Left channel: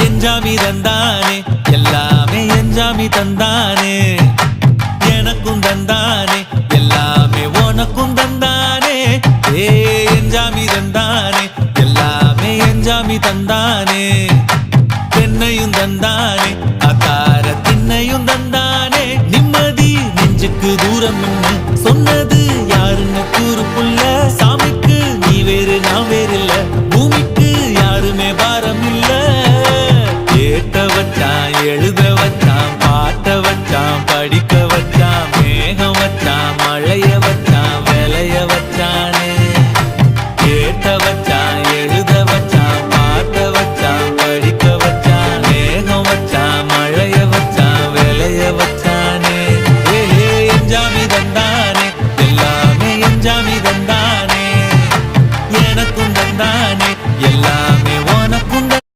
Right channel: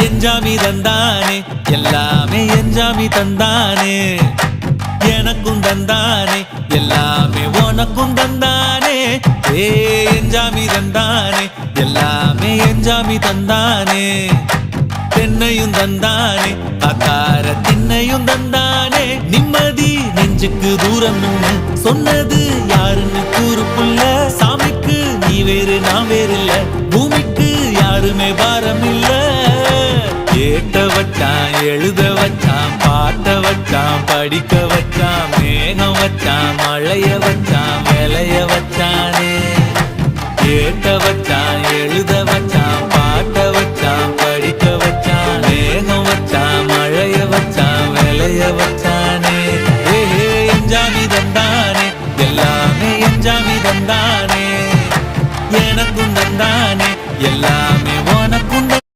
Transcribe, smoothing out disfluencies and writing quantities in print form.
எஞ்சாமி தந்தானே எல்லாமே எஞ்சாமி தந்தானே எனக்கும் தந்தானே எல்லாமே உனக்கும் தந்தானே ஏ எஞ்சாமி தந்தானே எல்லாமே எஞ்சாமி தந்தானே தென்னையும் தந்தானே அத்தார திண்ணையும் தந்தானே நிம்மதி நெஞ்சுக்கு தூரம் சொன்னது யாருன்னு கூறு புள்ள சாமிக்கு நீ வேறு நான் வேறு இல்ல பூமிக்கு யாருமே பாரம் இல்ல ஏத்த வச்சான் எழுத வச்சான் பாட்ட வச்சான் படிக்க வச்சான் மேகம் வச்சான் மழைய வச்சான் விளைய வச்சானே ஏத்த வச்சான் எழுத வச்சான் பாட்ட வச்சான் படிக்க வச்சான் மேகம் வச்சான் மழைய வச்சான் விளைய வச்சானே ஏஹே எஞ்சாமி தந்தானே எல்லாமே எஞ்சாமி தந்தானே எனக்கும் தந்தானே எல்லாமே உனக்கும்